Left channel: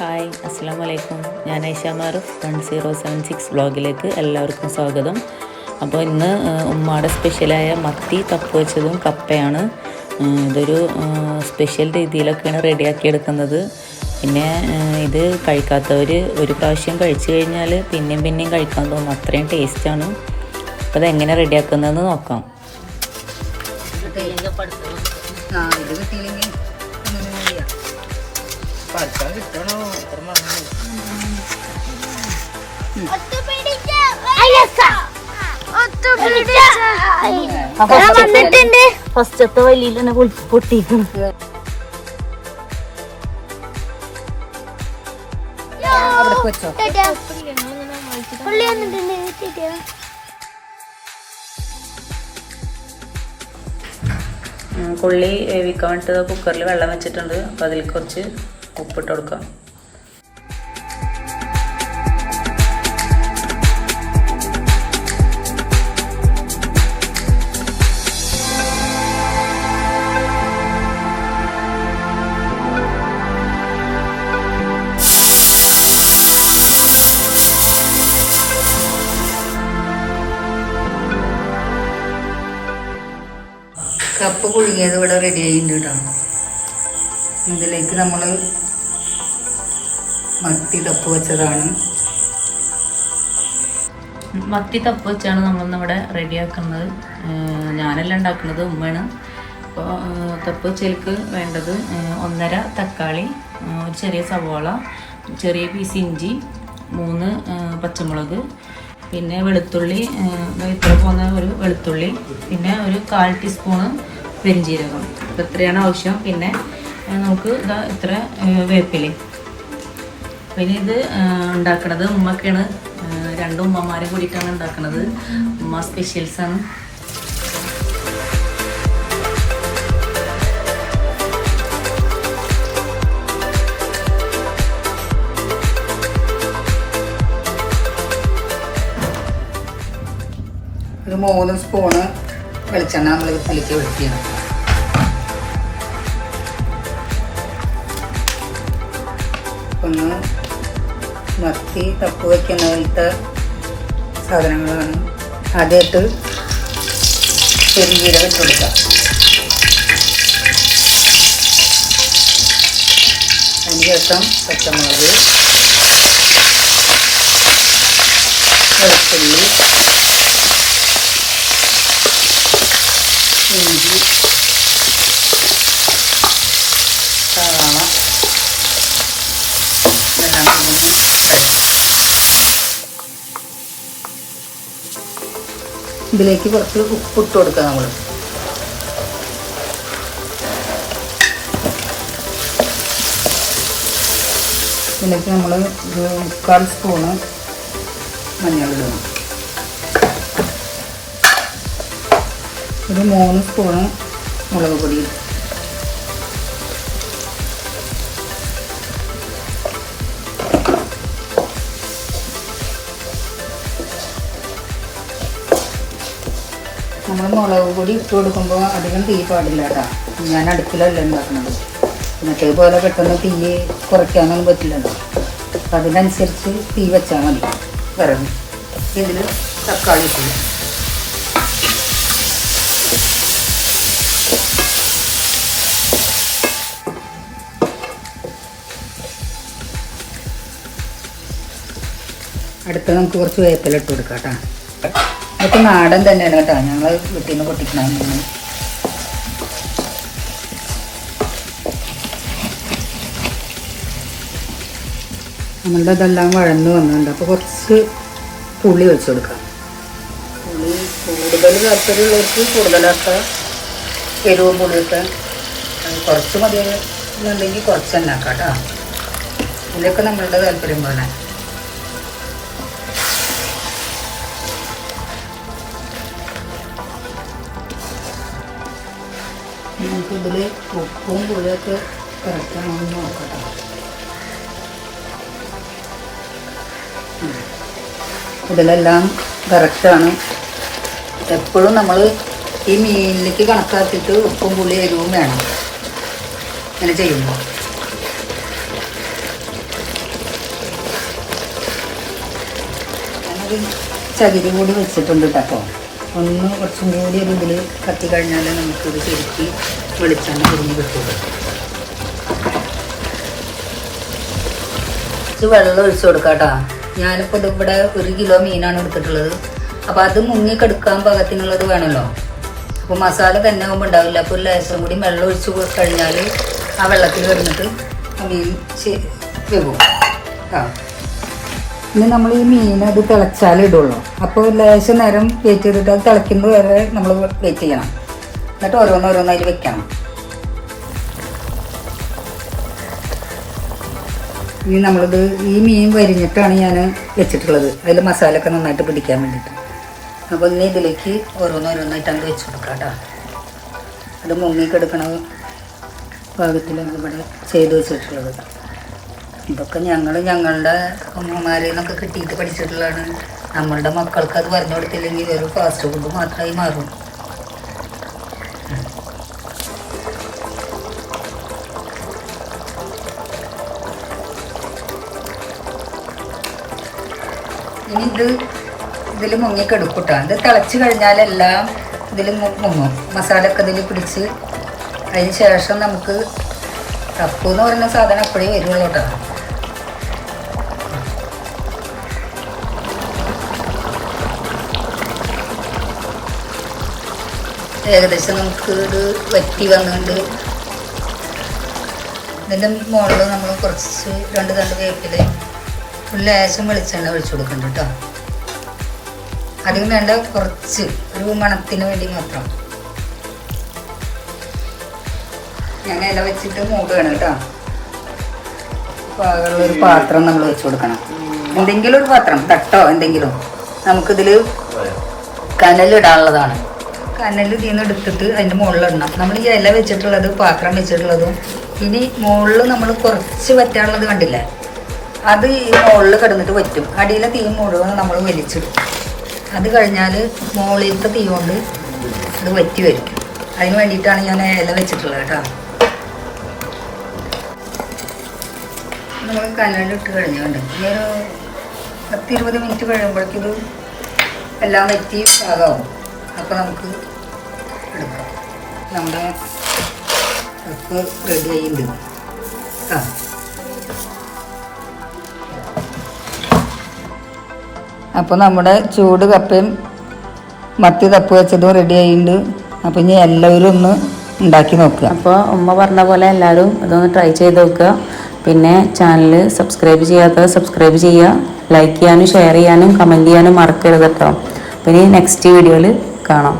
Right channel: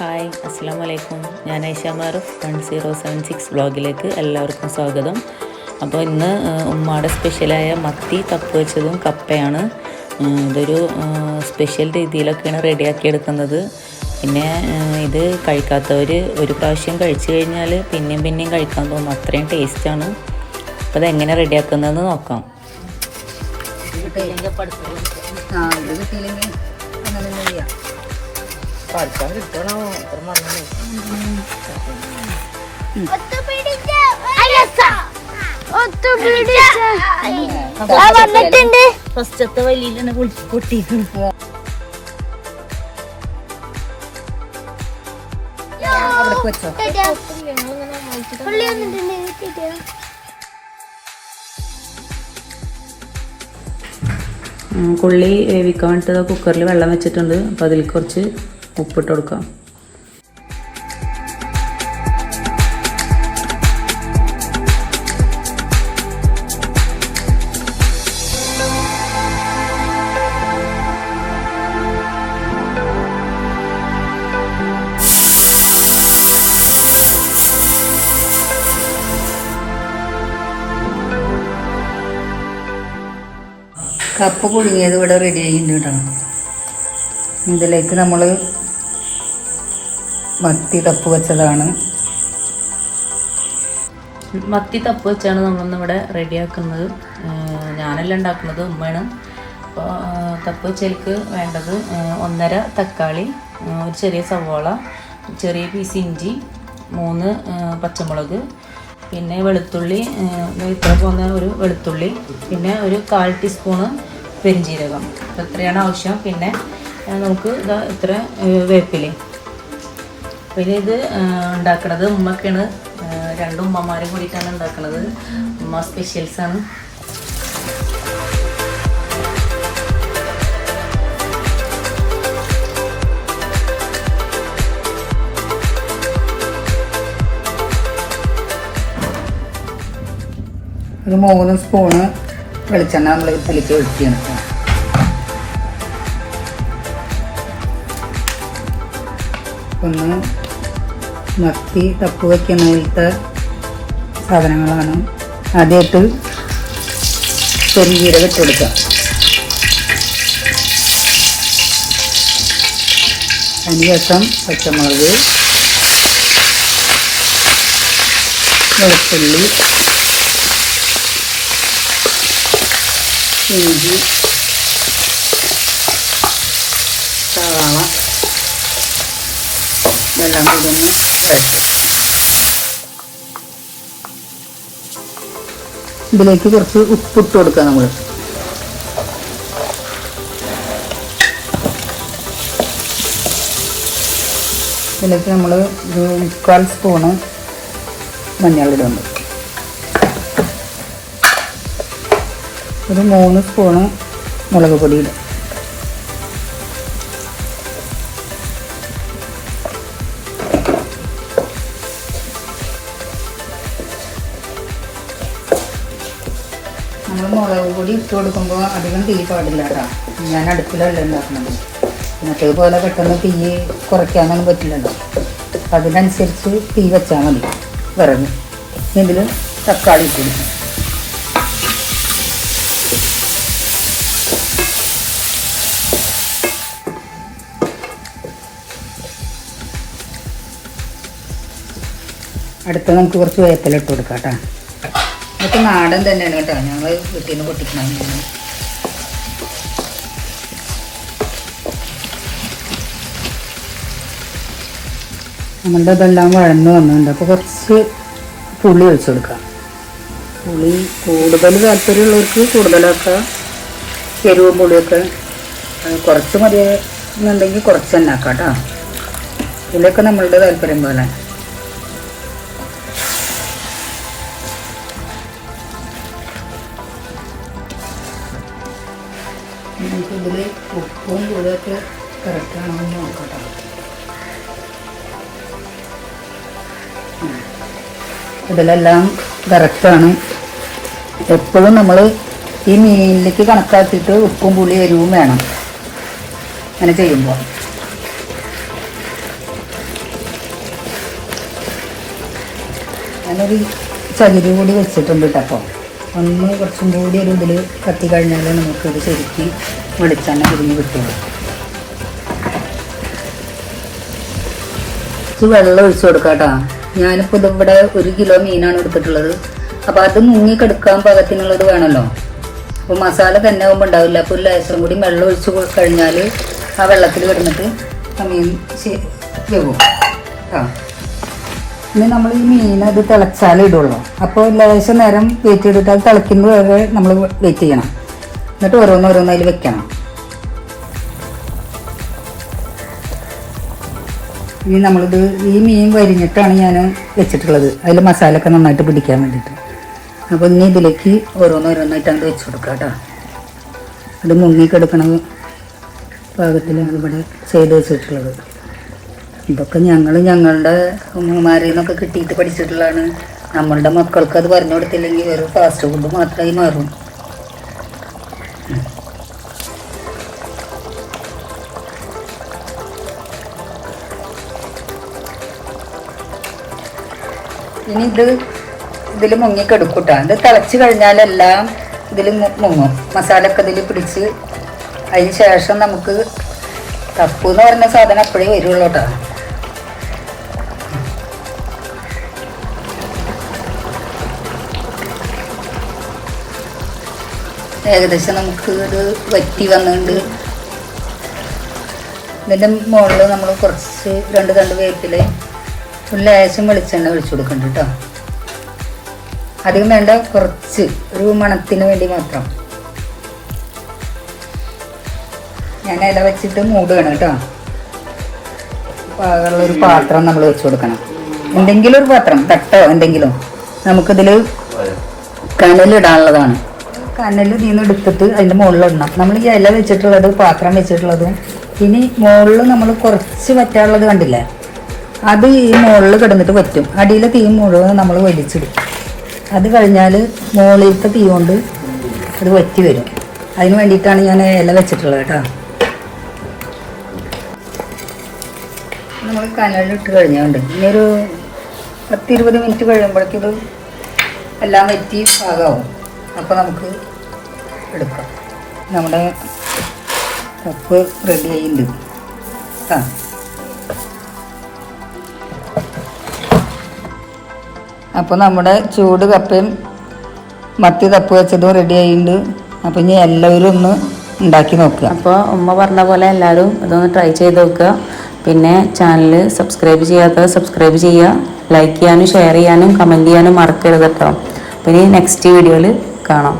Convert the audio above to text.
Hi അസ്സലാമു അലൈക്കും. ഞാൻ ഐഷ മാറുഫ് 1076 വ്ളോഗിലേക്ക് എല്ലാവർക്കും സ്വാഗതം. അപ്പോൾ ഇന്ന് ഉമ്മാടെ സ്പെഷ്യലായ മത്തി തപ്പ് വെച്ചതും കപ്പയാണ്. ഇതൊരു സ്പെഷ്യൽ രീതിയിലൊക്കെയാണ് റെഡിയാക്കി എടുക്കുന്നത്. പിന്നെ ഇത് കഴിക്കാത്തവർ ഒരു പ്രാവശ്യം കഴിച്ചു കഴിഞ്ഞാൽ പിന്നെയും കഴിക്കാൻ തോന്നും, അത്രയും ടേസ്റ്റാണ്. അപ്പോൾ അതെങ്ങനെ റെഡിയാക്കുന്നതെന്ന് നോക്കാം. ഫസ്റ്റത്തെ വലിയിലാണ് പൊട്ടിക്കുന്നത്. കൊള്ളി വേവിക്കാൻ വേണ്ടിയിട്ട് കുക്കറിൽ വെള്ളം വെച്ചിട്ടുണ്ട്. അപ്പോൾ അതിൽ കുറച്ച് ഉപ്പിട്ട് കൊടുക്കാം. കപ്പ പുഴുങ്ങിയത് ഇവിടെ റെഡി ആയിട്ടോ. ഇതിലേക്ക് നമ്മൾ മത്തി തപ്പ് വെച്ചതാണ്. മത്തി തപ്പ് വെച്ചാണ് നമ്മളിവിടെ റെഡിയാക്കുന്നത്. ഞാനല്ല ഉണ്ടാക്കുന്നത്, ഉമ്മയാണ്. അപ്പോൾ തപ്പ് വെച്ചതിലേക്ക് വേണ്ടത് 1.5 തക്കാളി, ഒരു ചെറിയ സവോള, ചെറിയ പീസ് ഇഞ്ചി, 3 പച്ചമുളക്, പിന്നെ വെളുത്തുള്ളി, വെളുത്താൻ പോകുന്ന ഒരു വെളുത്തുള്ളി, പിന്നെ ഒരു 1/4 ടീസ്പൂണ് പെരിഞ്ജീരകം. അപ്പോൾ ഇത്രയാണ് ആവശ്യം. പിന്നെ നമുക്ക് ഇത്ര വേപ്പില. പിന്നെ ഇത് ഉണ്ടാക്കുന്നത് ഉമ്മക്കാണ്. 2 ഉമ്മമാരെ കൂടിയിട്ടാണ് ഉണ്ടാക്കുന്നത്. ഉമ്മ സ്പെഷ്യൽസാണ്. ഒരു 3 സ്പൂണ് വെളിച്ചെണ്ണ നമ്മൾ പുളിക്ക് ഒഴിക്കണം. ഒന്ന് മത്തി തപ്പ് വയ്ക്കുന്നതിലത്തെ സാധനങ്ങളാണ്. ആദ്യമായിട്ട് പെരുംജീരകം ഇട്ട് കൊടുക്കുക. അതിനുശേഷം പച്ചമുളക്, വെളുത്തുള്ളി, ഇഞ്ചി, സവാള എല്ലാം കൂടി വഴറ്റും. ഇതിലേക്ക് കുറച്ച് ഉപ്പിട്ട് കൊടുക്കാം നമ്മൾ. ഇതിലേക്ക് നമ്മൾ 1/4 സ്പൂണ് മഞ്ഞളിടുന്നു. ഒരു 3 സ്പൂണ് മുളക് പൊടി ഇടും. നമ്മൾ മുളക് പൊടി ഇട്ട് കൊടുക്കുമ്പോൾ അധികം തീ പാടില്ല കേട്ടോ. ഞാൻ അടുപ്പിലല്ല ഉണ്ടാക്കുന്നത്. ഇന്നത്തെ പോലെ പെട്ടെന്ന് തീ കുറയ്ക്കാനൊന്നും പറ്റില്ലല്ലോ. അപ്പം അതിനനുസരിച്ച് തീ വെച്ചാൽ മതി. വിറക് ഇതിൽ തക്കാളി ഇട്ടു. അടുത്ത് നമുക്ക് കുറച്ച് വേപ്പില ഇട്ട് കൊടുക്കാം കേട്ടോ. ഇതൊക്കെ നാടൻ തന്നെയാണ് കേട്ടോ. ഞങ്ങൾ വീട്ടിൽ നിന്ന് പൊട്ടിക്കണം. നമ്മളുടെ ഇതെല്ലാം വഴന്ന് വന്നിട്ടുണ്ട്. അപ്പോൾ കുറച്ച് പുളി ഒഴിച്ച് കൊടുക്കാം. പുളി കൂടുതൽ താല്പര്യമുള്ളവർക്ക് കൂടുതലാക്കാം. എരിവും പുളിയൊക്കെ കുറച്ച് മതിയെന്നുണ്ടെങ്കിൽ കുറച്ച് തന്നെ ആക്കാം കേട്ടോ. ഇതിലൊക്കെ നമ്മളുടെ താല്പര്യം പോലെ. നമുക്ക് ഇതിൽ ഉപ്പും പുളിയൊക്കെ കറക്റ്റാണെന്ന് നോക്കട്ടെ. ഇതിലെല്ലാം കറക്റ്റാണ്. എപ്പോഴും നമ്മൾ ഈ മീനിലേക്ക് കണക്കാക്കിയിട്ട് ഉപ്പും പുളി എരിവും വേണം അങ്ങനെ ചെയ്യുമ്പോൾ. ഞാനൊരു ചകിരി കൂടി വെച്ചിട്ടുണ്ട് കേട്ടോ. അപ്പോൾ ഒന്ന് കുറച്ചും കൂടി ഒരു ഇതിൽ കത്തി കഴിഞ്ഞാൽ നമുക്കൊരു ശരിക്ക് മണിച്ചെണ്ണ തിരിഞ്ഞ് കിട്ടുള്ളൂ. വെള്ളം ഒഴിച്ചു കൊടുക്കാം കേട്ടോ. ഞാനിപ്പോൾ ഇവിടെ 1 കിലോ മീനാണ് എടുത്തിട്ടുള്ളത്. അപ്പോൾ അത് മുങ്ങിക്കെടുക്കാൻ പാകത്തിനുള്ളത് വേണമല്ലോ. അപ്പോൾ മസാല തന്നെ ആകുമ്പോൾ ഉണ്ടാവില്ല. അപ്പോൾ ഒരു ലേശം കൂടി വെള്ളം ഒഴിച്ച് കഴിഞ്ഞാൽ ആ വെള്ളത്തിൽ കിടന്നിട്ട് ആ മീൻ വേവും. ഇനി നമ്മൾ ഈ മീൻ അത് തിളച്ചാലേ ഇടുള്ളൂ. അപ്പോൾ ലേശം നേരം വെയിറ്റ് ചെയ്തിട്ട് അത് തിളയ്ക്കുന്നത് വരെ നമ്മൾ വെയിറ്റ് ചെയ്യണം. എന്നിട്ട് ഓരോന്നോരോന്നതിൽ വെക്കണം. ഇനി നമ്മളിത് ഈ മീൻ വരിഞ്ഞിട്ടാണ് ഞാൻ വെച്ചിട്ടുള്ളത്. അതിൽ മസാലയൊക്കെ നന്നായിട്ട് പിടിക്കാൻ വേണ്ടിയിട്ട്. അപ്പോൾ ഇനി ഇതിലേക്ക് ഓരോന്നോരോന്നായിട്ടാണ് വെച്ച് കൊടുക്കാം കേട്ടോ. ഇത് മുങ്ങിക്കെടുക്കണ പാകത്തിലാണ് ഇവിടെ ചെയ്ത് വെച്ചിട്ടുള്ളത്. ഇതൊക്കെ ഞങ്ങളുടെ അമ്മമാരിൽ നിന്നൊക്കെ കിട്ടിയിട്ട് പഠിച്ചിട്ടുള്ളതാണ്. നമ്മളുടെ മക്കൾക്ക് അത് പറഞ്ഞു കൊടുത്തില്ലെങ്കിൽ വെറും ഫാസ്റ്റ് ഫുഡ് മാത്രമായി മാറും. ഇനി ഇതിൽ മുങ്ങിക്കെടുക്കൂട്ടാ. ഇത് തിളച്ച് കഴിഞ്ഞാലെല്ലാം ഇതിൽ മുങ്ങും. മസാലയൊക്കെ ഇതിൽ പിടിച്ച് അതിന് ശേഷം നമുക്ക് തപ്പു എന്ന് പറഞ്ഞ സാധനം അപ്പോഴേ വരുള്ളൂ കേട്ടോ. ഏകദേശം നമുക്ക് ഇത് വറ്റി വന്നുകൊണ്ട് ഇതിൻ്റെ മുകളിൽ നമ്മൾ കുറച്ച് 2 തണ്ട് വേപ്പിൽ ഒരു ലേശം വെളിച്ചെണ്ണ ഒഴിച്ചു കൊടുക്കുന്നുണ്ട് കേട്ടോ. അതിന് വേണ്ട കുറച്ച് ഒരു മണത്തിന് വേണ്ടി മാത്രം. ഞാൻ ഇല വെച്ചിട്ട് മൂടുകയാണ് കേട്ടോ. ഒരു പാത്രം നമ്മൾ വെച്ച് കൊടുക്കണം. എന്തെങ്കിലും ഒരു പാത്രം, തട്ടോ എന്തെങ്കിലും. നമുക്കിതിൽ കനലിടാനുള്ളതാണ്. കനൽ ഇതിൽ നിന്ന് എടുത്തിട്ട് അതിൻ്റെ മുകളിലിടണം. നമ്മൾ ഈ ഇല വെച്ചിട്ടുള്ളത്, പാത്രം വെച്ചിട്ടുള്ളതും ഇനി മുകളിൽ നമ്മൾ കുറച്ച് വറ്റാനുള്ളത് കണ്ടില്ലേ, അത് ഈ മുകളിൽ കിടന്നിട്ട് വറ്റും. അടിയിലെ തീ മുഴുവൻ നമ്മൾ വലിച്ചിടും. അത് കഴിഞ്ഞാൽ മുകളിലത്തെ തീ കൊണ്ട് ഇത് വറ്റി വരും. അതിന് വേണ്ടിയിട്ടാണ് ഞാൻ ഇല വെച്ചിട്ടുള്ളത് കേട്ടോ. നമ്മൾ കനലിട്ട് കഴിഞ്ഞുകൊണ്ട് ഇനി ഒരു 10-20 മിനിറ്റ് കഴിയുമ്പോഴേക്കിത് എല്ലാം വറ്റി പാകമാവും. അപ്പോൾ നമുക്ക് എടുക്കാം. നമ്മുടെ കപ്പ് റെഡി ആയിട്ടുണ്ട്. അപ്പോൾ നമ്മുടെ ചൂട് കപ്പയും മത്തി തപ്പ് വെച്ചതും റെഡി ആയിട്ടുണ്ട്. അപ്പോൾ ഇനി എല്ലാവരും ഒന്ന് ഉണ്ടാക്കി നോക്കുക. അപ്പോൾ ഉമ്മ പറഞ്ഞ പോലെ എല്ലാവരും ഇതൊന്ന് ട്രൈ ചെയ്ത് നോക്കുക. പിന്നെ ചാനൽ സബ്സ്ക്രൈബ് ചെയ്യാത്തത് സബ്സ്ക്രൈബ് ചെയ്യുക. ലൈക്ക് ചെയ്യാനും ഷെയർ ചെയ്യാനും കമൻറ്റ് ചെയ്യാനും മറക്കരുത് കേട്ടോ. പിന്നെ നെക്സ്റ്റ് വീഡിയോയിൽ കാണാം.